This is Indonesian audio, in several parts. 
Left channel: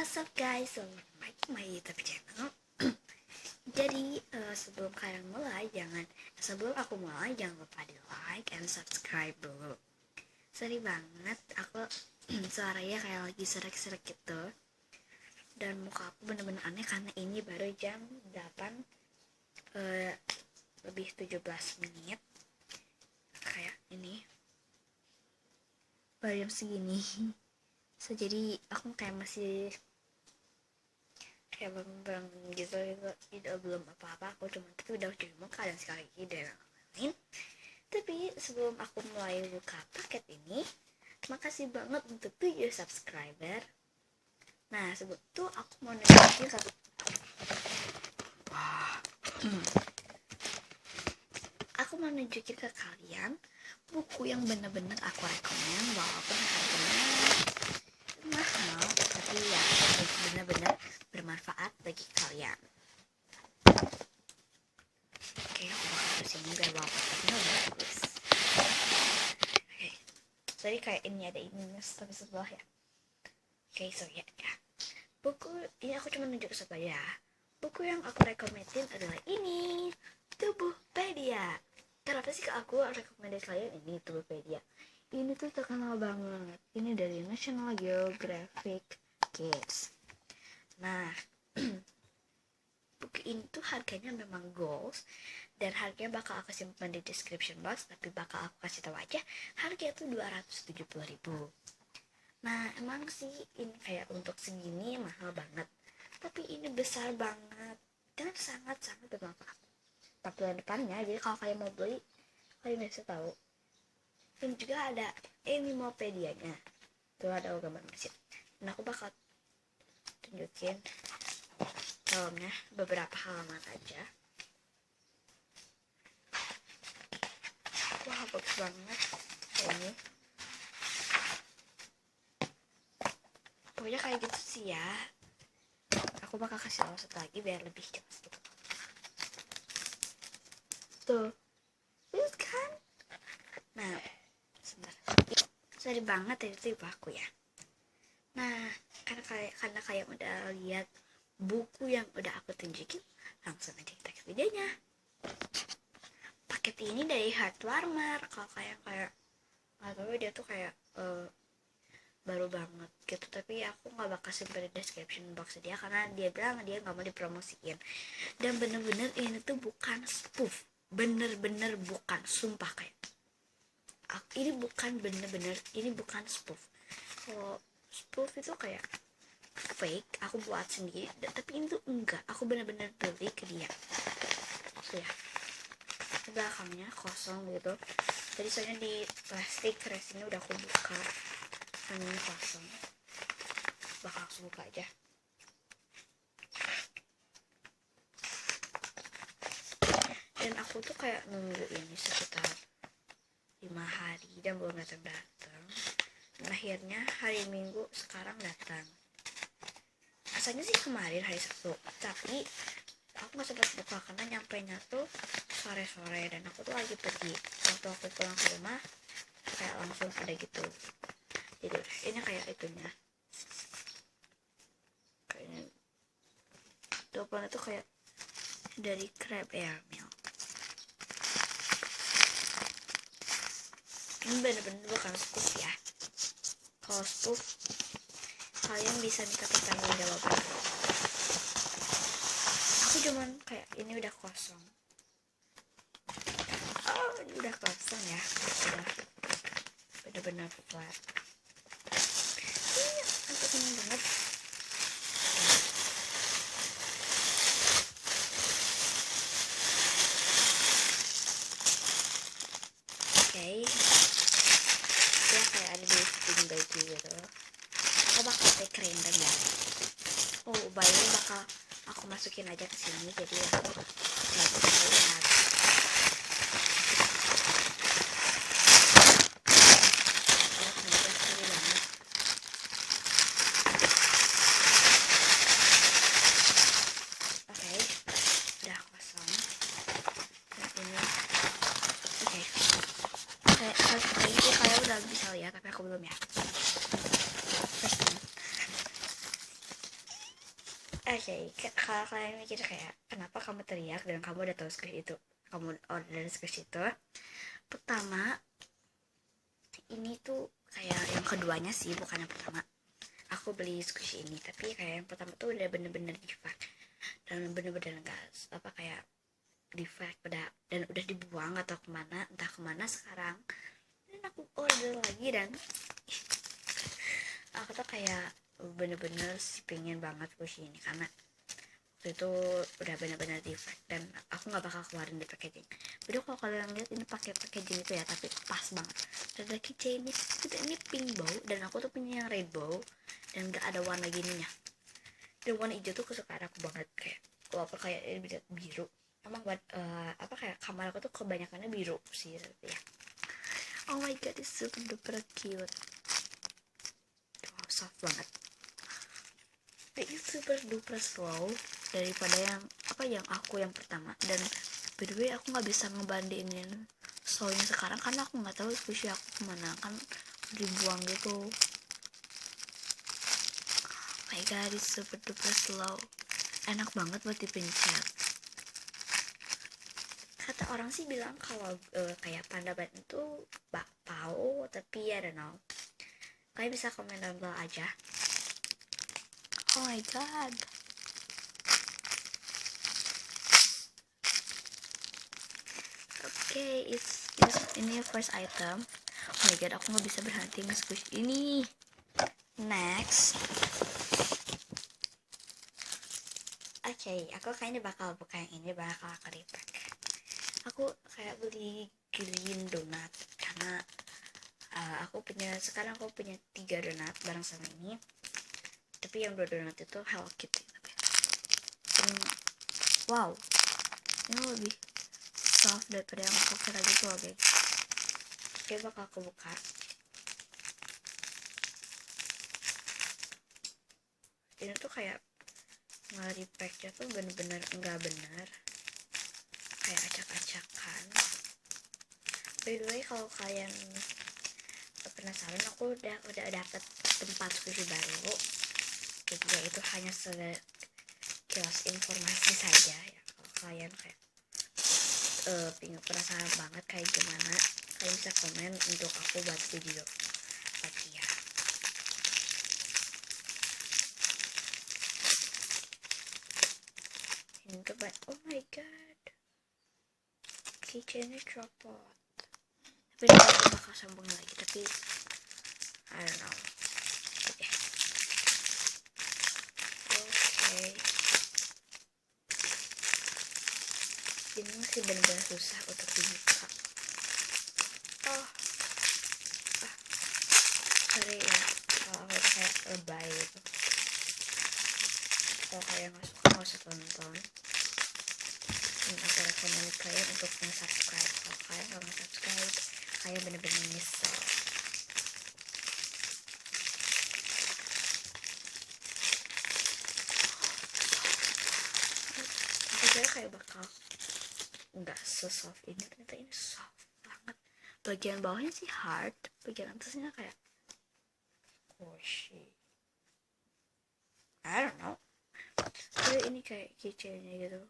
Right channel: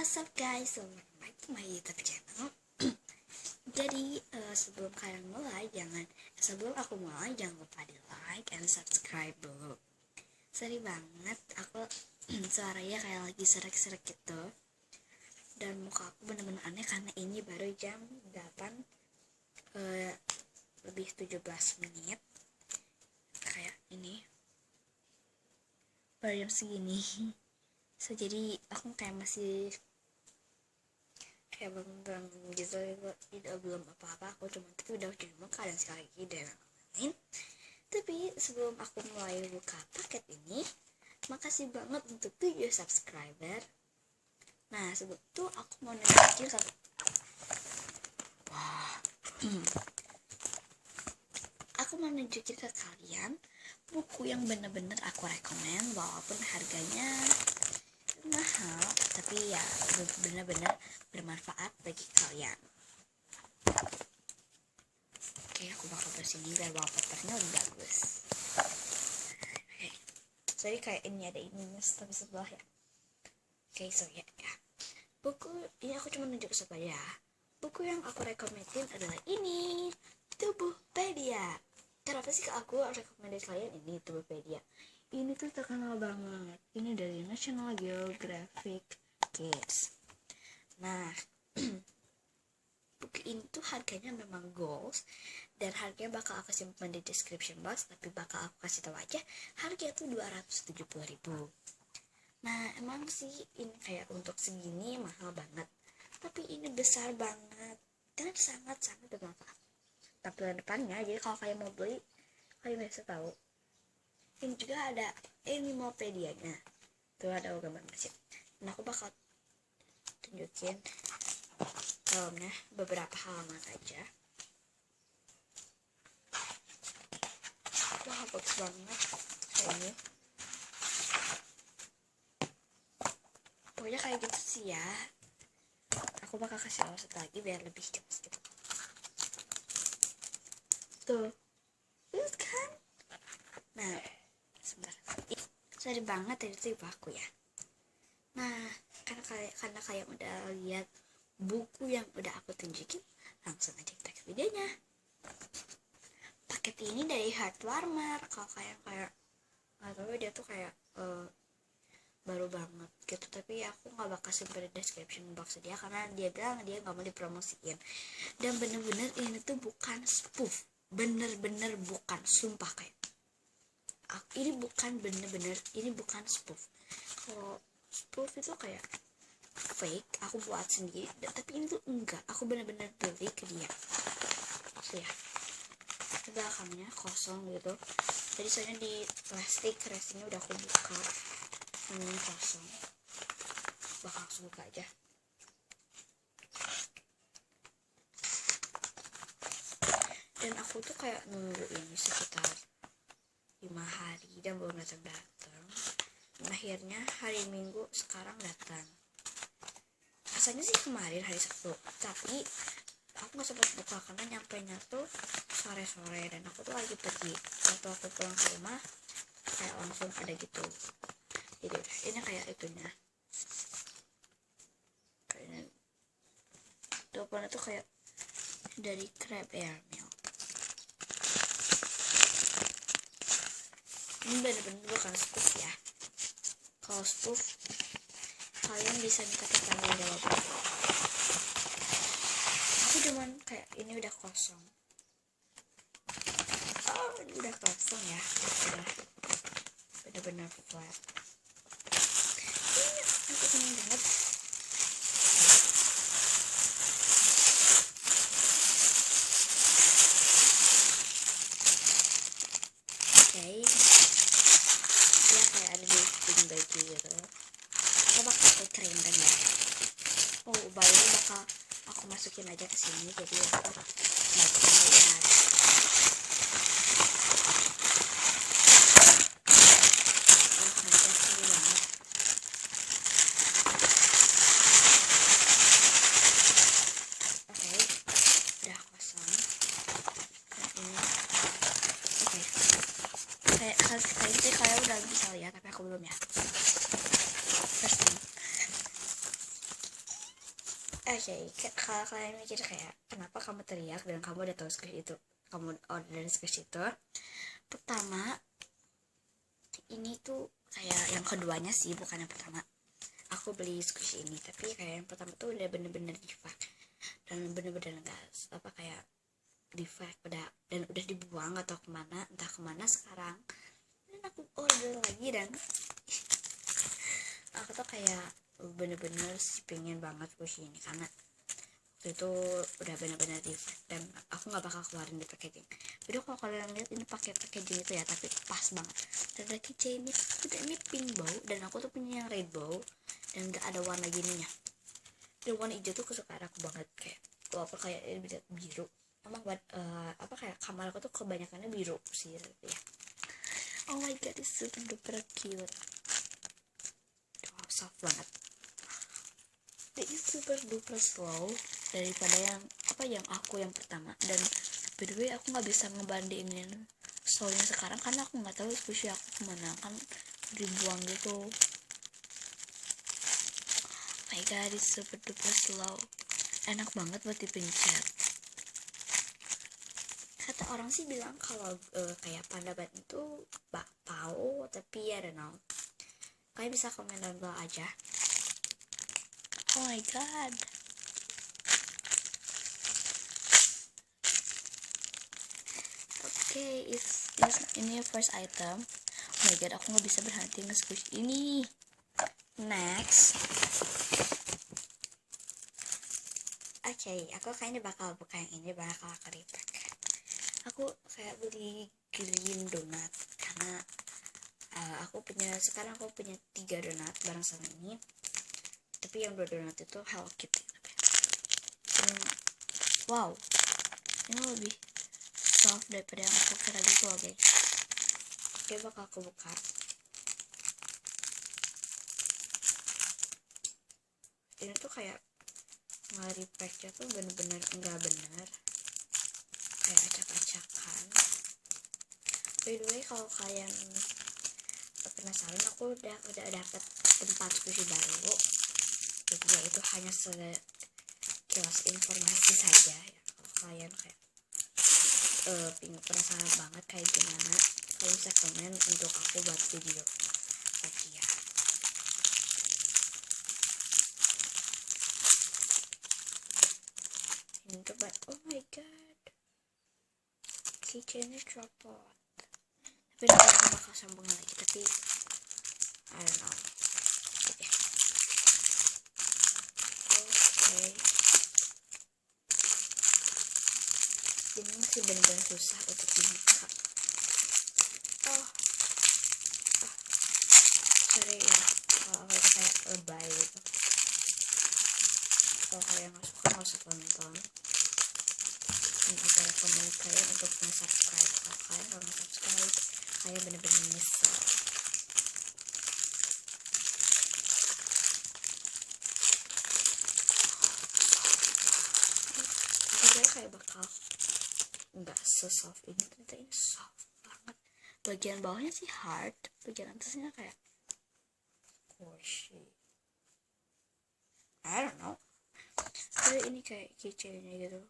What's up guys, welcome back to my YouTube channel. Jadi sebelum aku mulai jangan lupa di like and subscribe dulu. Sorry banget, aku suaranya kayak lagi serak-serak gitu. Dan muka aku bener-bener aneh karena ini baru jam 8 lebih 17 menit. Kayak ini baru jam segini. Jadi aku kayak masih kayak bangun gitu, belum apa-apa. Aku cuma udah cuci muka dan sekali lagi dan lain-lain. Tapi sebelum aku mulai buka paket ini, makasih banget untuk 7 subscriber. Nah sebelum itu aku mau nunjukin ke kalian buku yang bener-bener aku rekomen, walaupun harganya mahal, tapi ya benar-benar bermanfaat bagi kalian. Oke, aku bakal bersihnya biar wallpapernya lebih bagus. Oke, jadi kayak ini ada minus tapi sebelah ya. Oke, so ya. Buku ini aku cuma nunjuk satu aja. Buku yang aku rekomendin adalah ini, Tubuhpedia. Kenapa sih aku rekomendasi kalian ini Tubuhpedia? Ini tuh terkenal banget. Ini dari National Geographic Kids. Nah, buku ini tuh harganya memang goals, dan harganya bakal aku simpan di description box, tapi bakal aku kasih tahu aja harganya tuh 270.000. Nah, emang sih ini kayak untuk segini mahal banget, tapi ini besar banget dan sangat-sangat bermanfaat. Tampilan depannya, jadi kalau kalian mau beli, kalian bisa tahu. Ini juga ada animalpedianya, tuh ada gambar mesin. Nah aku bakal tunjukin dalamnya beberapa halaman aja. Wah bagus banget ini. Pokoknya kayak gitu sih ya. Aku bakal kasih tahu satu lagi biar lebih jelas gitu. Tuh, bukan? Nah, sorry banget itu aku ya. Nah, karena kalian udah lihat buku yang udah aku tunjukin, langsung aja kita ke videonya. Paket ini dari Heartwarmer. Kalau kayak nggak tahu dia tuh kayak baru banget gitu, tapi aku nggak bakal simpan di description box dia karena dia bilang dia nggak mau dipromosiin. Dan bener-bener ini tuh bukan spoof, bener-bener bukan, sumpah kayak ini bukan bener-bener, ini bukan spoof. Kalau spoof itu kayak fake, aku buat sendiri, tapi ini tuh enggak, aku bener-bener beli ke dia. So ya, belakangnya kosong gitu. Jadi soalnya di plastik fresh ini udah aku buka, ini kosong. Bakal langsung buka aja. Dan aku tuh kayak nunggu ini sekitar 5 hari dan belum datang. Dan akhirnya hari Minggu sekarang datang. Asalnya sih kemarin hari Sabtu, tapi aku nggak sempat buka karena nyampainya tuh sore-sore dan aku tuh lagi pergi. Waktu aku pulang ke rumah kayak langsung ada gitu. Jadi ini kayak itunya. Kayaknya depannya tuh kayak dari crab airmail. Ini bener-bener bukan spoof ya. Kalau spoof kalian bisa minta pertanyaan jawaban. Aku cuman kayak ini udah kosong. Oh ini udah kosong ya. Udah bener-bener flat. Aku seneng banget. Oke. Ya kayak ada di fitting baju gitu. Aku bakal pakai keren dan ya. Oh bayi bakal aku masukin aja ke sini jadi aku nggak bisa lihat. Oke, udah kosong. Ini oke. Kayak itu kalian udah bisa lihat tapi aku belum ya. Testing. Oke, kalau kalian mikir kayak kenapa kamu teriak dan kamu udah tahu squishy itu, kamu order squishy itu, pertama ini tuh kayak yang keduanya sih, bukan yang pertama. Aku beli squishy ini, tapi kayak yang pertama tuh udah bener-bener defect dan bener-bener gas apa kayak defect dan udah dibuang atau kemana, entah kemana sekarang. Dan aku order lagi dan aku tuh kayak bener-bener sih pengen banget squishy ini karena waktu itu udah benar-benar defect dan aku nggak bakal keluarin di packaging. Jadi kalau kalian lihat ini pakai packaging itu ya, tapi pas banget. Dan ada keychain ini pink bow dan aku tuh punya yang red bow dan nggak ada warna gininya. Dan warna hijau tuh kesukaan aku banget, kayak apa kayak ini biru. Emang buat apa kayak kamar aku tuh kebanyakannya biru sih ya. Oh my god, it's super duper cute. Wow, soft banget. Ini super duper slow daripada yang aku yang pertama. Dan by the way aku nggak bisa ngebandingin slownya sekarang karena aku nggak tahu squishy aku kemana, kan dibuang gitu. Oh my god, it's super duper slow, enak banget buat dipencet. Kata orang sih bilang kalau kayak panda ban itu bakpao, tapi I don't know, kalian bisa komen down below aja. Oh my god, oke, ini first item. Oh my god, aku nggak bisa berhenti nge-squish ini. Next, oke, aku kayaknya bakal buka yang ini, bakal aku repack. Aku kayak beli green donut karena sekarang aku punya 3 donat bareng sama ini, tapi yang 2 donat itu Hello Kitty. Wow, ini lebih soft daripada yang aku kira gitu loh guys. Oke, bakal aku buka. Ini tuh kayak nge-repacknya tuh bener-bener enggak bener, kayak acak-acakan. By the way, kalau kalian penasaran, aku udah dapet tempat squishy baru. Jadi ya itu hanya sekilas informasi saja ya. Kalau kalian kayak penasaran banget kayak gimana, kalian bisa komen untuk aku buat video lagi ya. Ini tuh oh my god, keychainnya copot. Tapi aku bakal sambung lagi, tapi I don't know. Oke. Ini masih benar-benar susah untuk dibuka. Sorry ya kalau aku kayak lebay gitu. Kalau kalian nggak suka, nggak usah tonton. Ini aku rekomend kalian untuk nge-subscribe. Kalau kalian nggak nge-subscribe, kalian bener-bener nyesel. Aku kira kayak bakal nggak se-soft ini, ternyata ini soft banget. Bagian bawahnya sih hard, bagian atasnya kayak squishy. I don't know. Tapi ini kayak keychainnya gitu.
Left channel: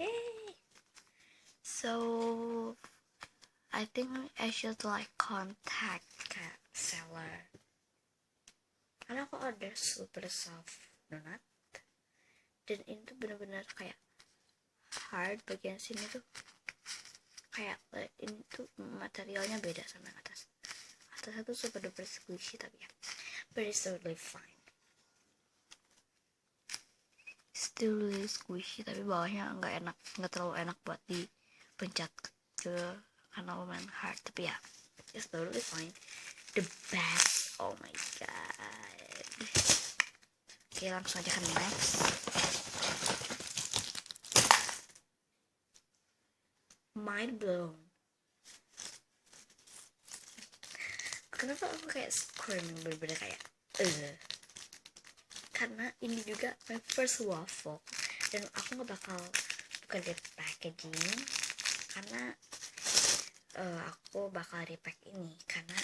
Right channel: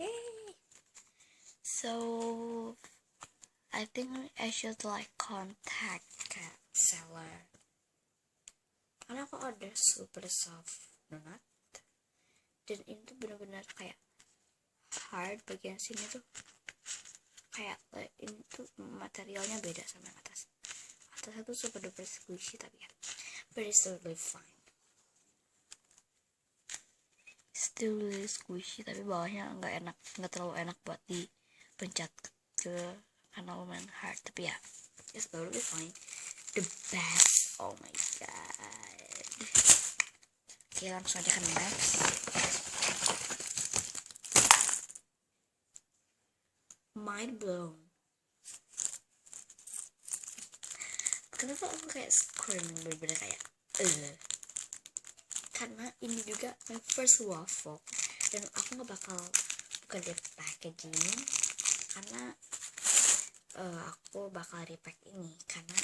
Yay! So I think I should like contact the seller karena aku order super soft donut dan ini tuh bener-bener kayak hard. Bagian sini tuh kayak ini tuh materialnya beda sama yang atasnya tuh super duper squishy, tapi ya but it's totally fine, still really squishy, tapi bawahnya nggak terlalu enak buat dipencet ke karena lumayan hard, tapi ya it's totally fine. The best, oh my god. Oke, langsung aja ke next. Mind blown. Kenapa aku kayak scream bener-bener kayak karena ini juga my first waffle dan aku nggak bakal buka dari packaging karena aku bakal repack ini karena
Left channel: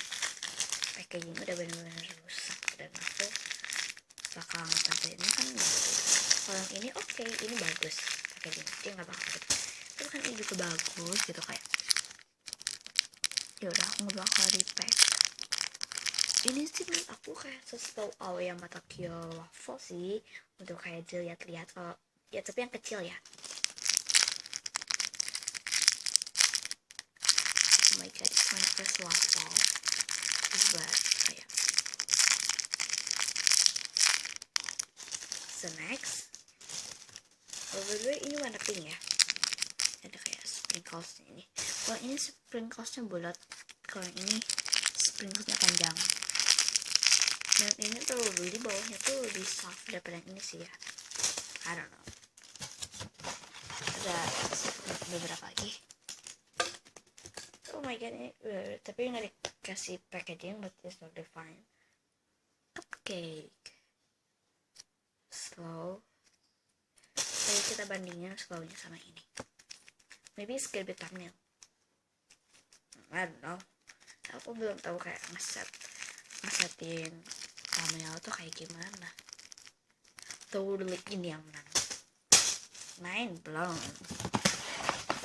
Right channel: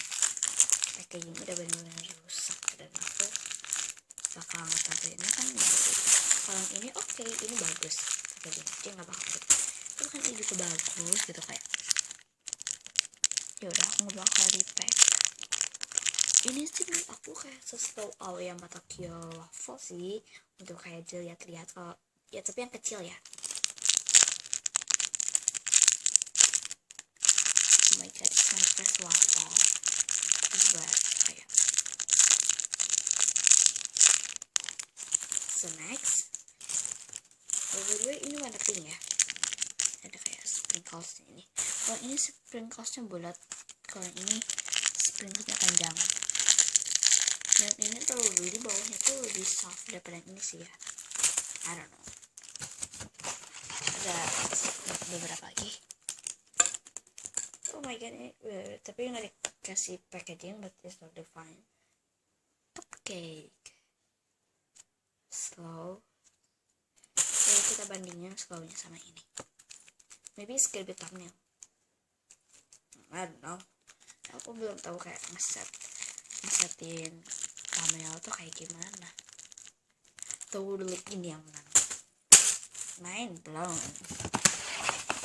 packaging udah benar-benar rusak dan aku bakal ngetambahin ini kan bagus. Kalau yang ini oke, ini bagus packaging, dia nggak bakal gitu. Tapi kan ini juga bagus gitu kayak. Ya udah aku nggak bakal repack. Ini sih menurut aku kayak seslow yang mata kill waffle sih untuk kayak dilihat-lihat kalau ya, tapi yang kecil ya. Oh my god, it's my first waffle. But kayak so next, by the way ini warna pink ya, ada kayak sprinklesnya ini. Kalau ini sprinklesnya bulat, kalau yang ini sprinklesnya panjang, dan ini tuh di bawahnya tuh lebih soft daripada yang ini sih ya. I don't know. Ya beberapa lagi. Oh my god, ini tapi nggak dikasih packaging, but it's totally fine. Cupcake slow. Jadi kita bandingin slownya sama ini. Maybe it's gonna be thumbnail. I don't know. Aku belum tahu kayak ngesetin thumbnail tuh kayak gimana. Totally ini yang mana. Mind blown.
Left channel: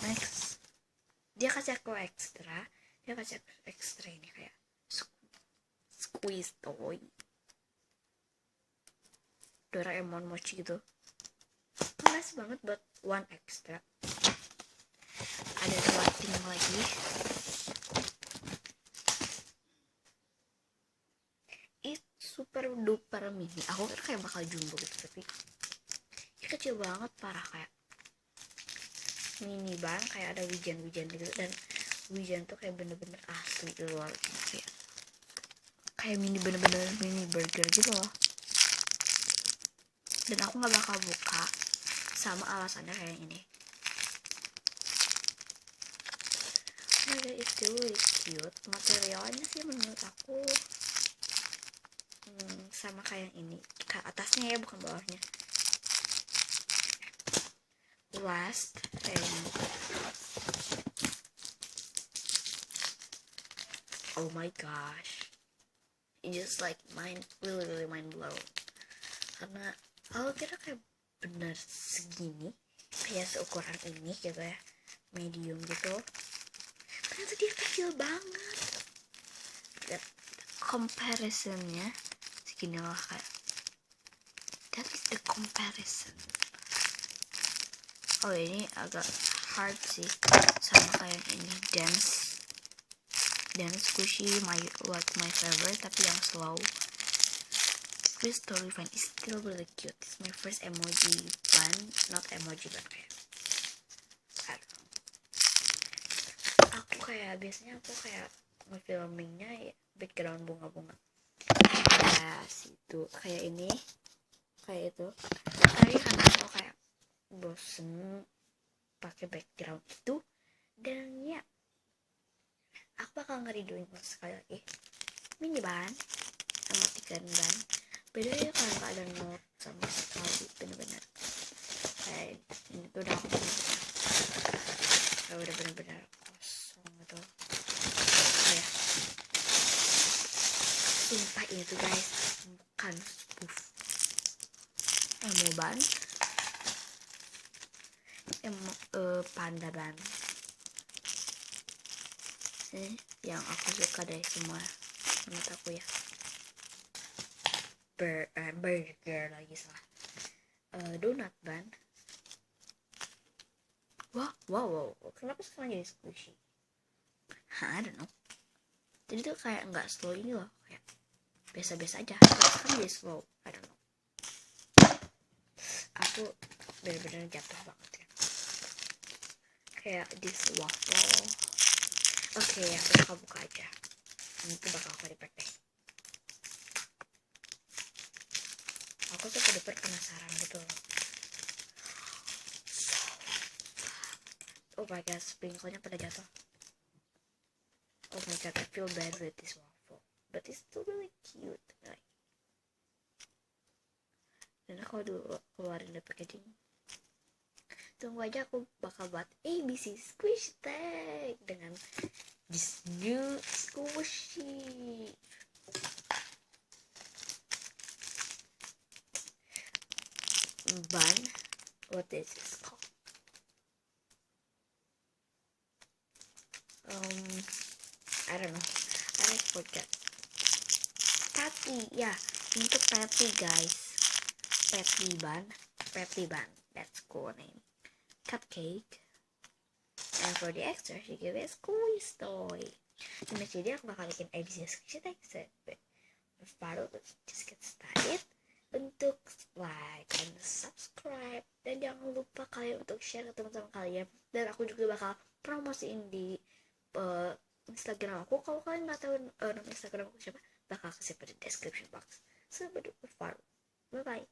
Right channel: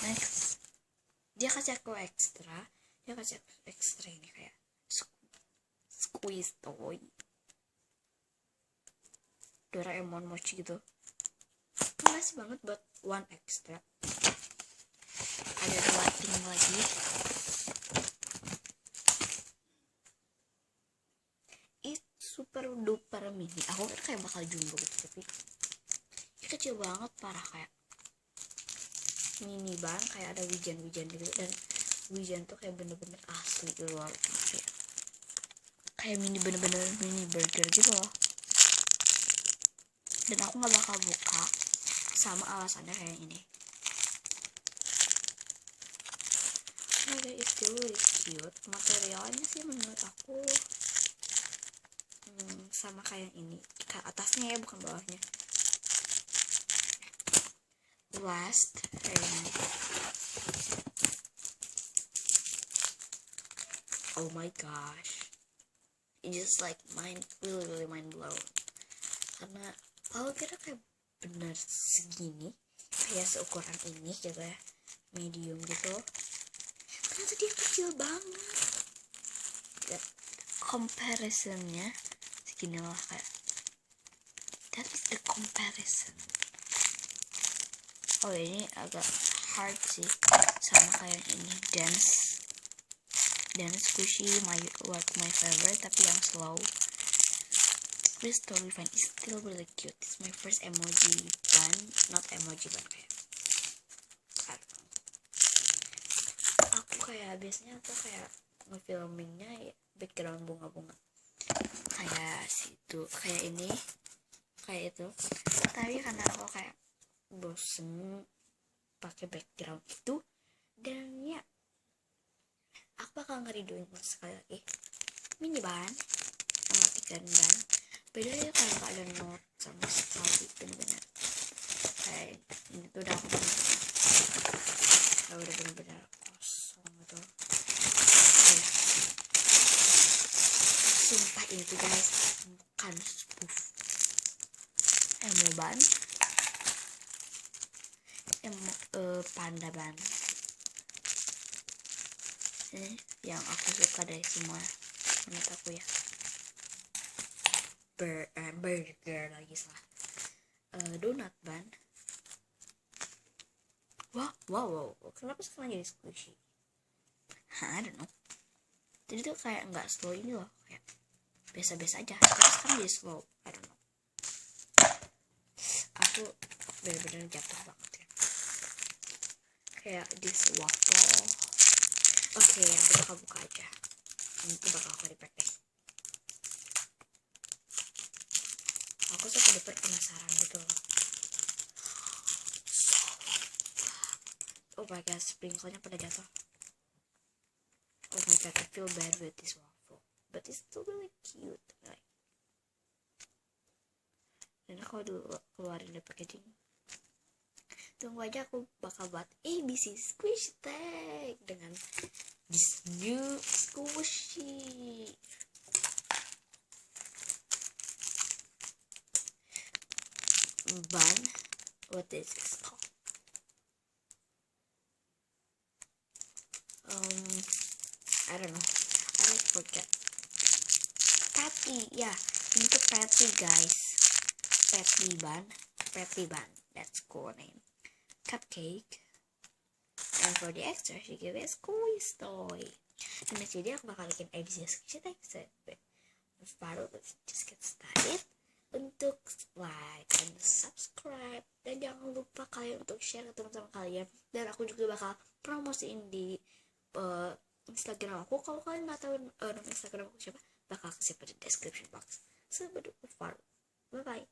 Next, dia kasih aku ekstra ini kayak squeeze toy Doraemon mochi gitu. Nice banget buat one extra. Ada lighting lagi. It's super duper mini. Aku kan kayak bakal jumbo gitu, tapi ini kecil banget parah, kayak mini banget, kayak ada wijen-wijen gitu, dan wijen tuh kayak bener-bener asli di luar, kayak mini, bener-bener mini burger gitu loh. Dan aku nggak bakal buka sama alasannya kayak ini. Oh my god, it's really cute. Materialnya sih menurut aku sama kayak yang ini, ke atasnya ya, bukan bawahnya. Last, and oh my gosh, it just like really mind blown. Karena aku kira kayak bener segini, kayak seukuran ini gitu ya, medium gitu, ternyata dia kecil banget. Dan comparisonnya segini lah, kayak that is the comparison. Oh ini agak hard sih, sama kayak ini dance squishy, my favorite, tapi yang slow. It's totally fine. It's still really cute. It's my first emoji bun, not emoji bun kayak. I don't know. Aku kayak biasanya ngefilmingnya ya, background bunga-bunga. Nah, situ kayak ini, kayak itu. Tapi karena aku kayak bosen pakai background itu, dan ya aku bakal ngeridoin sekali lagi mini ban sama 3 ban. Beda ya, kalau nggak ada note sama sekali, bener-bener kayak ini tuh udah bener-bener kosong gitu. Kayak sumpah ini tuh guys bukan spoof, mau ban, panda ban. Ini yang aku suka dari semua menurut aku ya. Burger lagi salah. Donut ban. Wow, kenapa sekarang jadi squishy? I don't know. Jadi tuh kayak nggak slow ini loh, kayak biasa-biasa aja. Tapi sekarang jadi slow. I don't know. Aku bener-bener jatuh banget ya. Kayak this waffle. Oke, aku buka aja. Ini tuh bakal aku repack deh. Aku tuh pada penasaran gitu loh. Oh my god, sprinkle-nya pada jatuh. Oh my god, I feel bad with this waffle, but it's still really cute. Like, dan aku dulu keluarin dari packaging. tunggu aja, aku bakal buat ABC squish tag dengan this new squishy bun. What is this called? I don't know, I forget. Patty, yeah, ini tuh patty guys, patty bun, that's cool name. Cupcake, and for the extra she gave a squeeze toy. In this video aku bakal bikin edisi squishy tag. Baru just get started. Untuk like and subscribe, dan jangan lupa kalian untuk share ke teman-teman kalian, dan aku juga bakal promosiin di Instagram aku. Kalau kalian nggak tahu nama Instagram aku siapa, bakal kasih pada description box. So bye bye.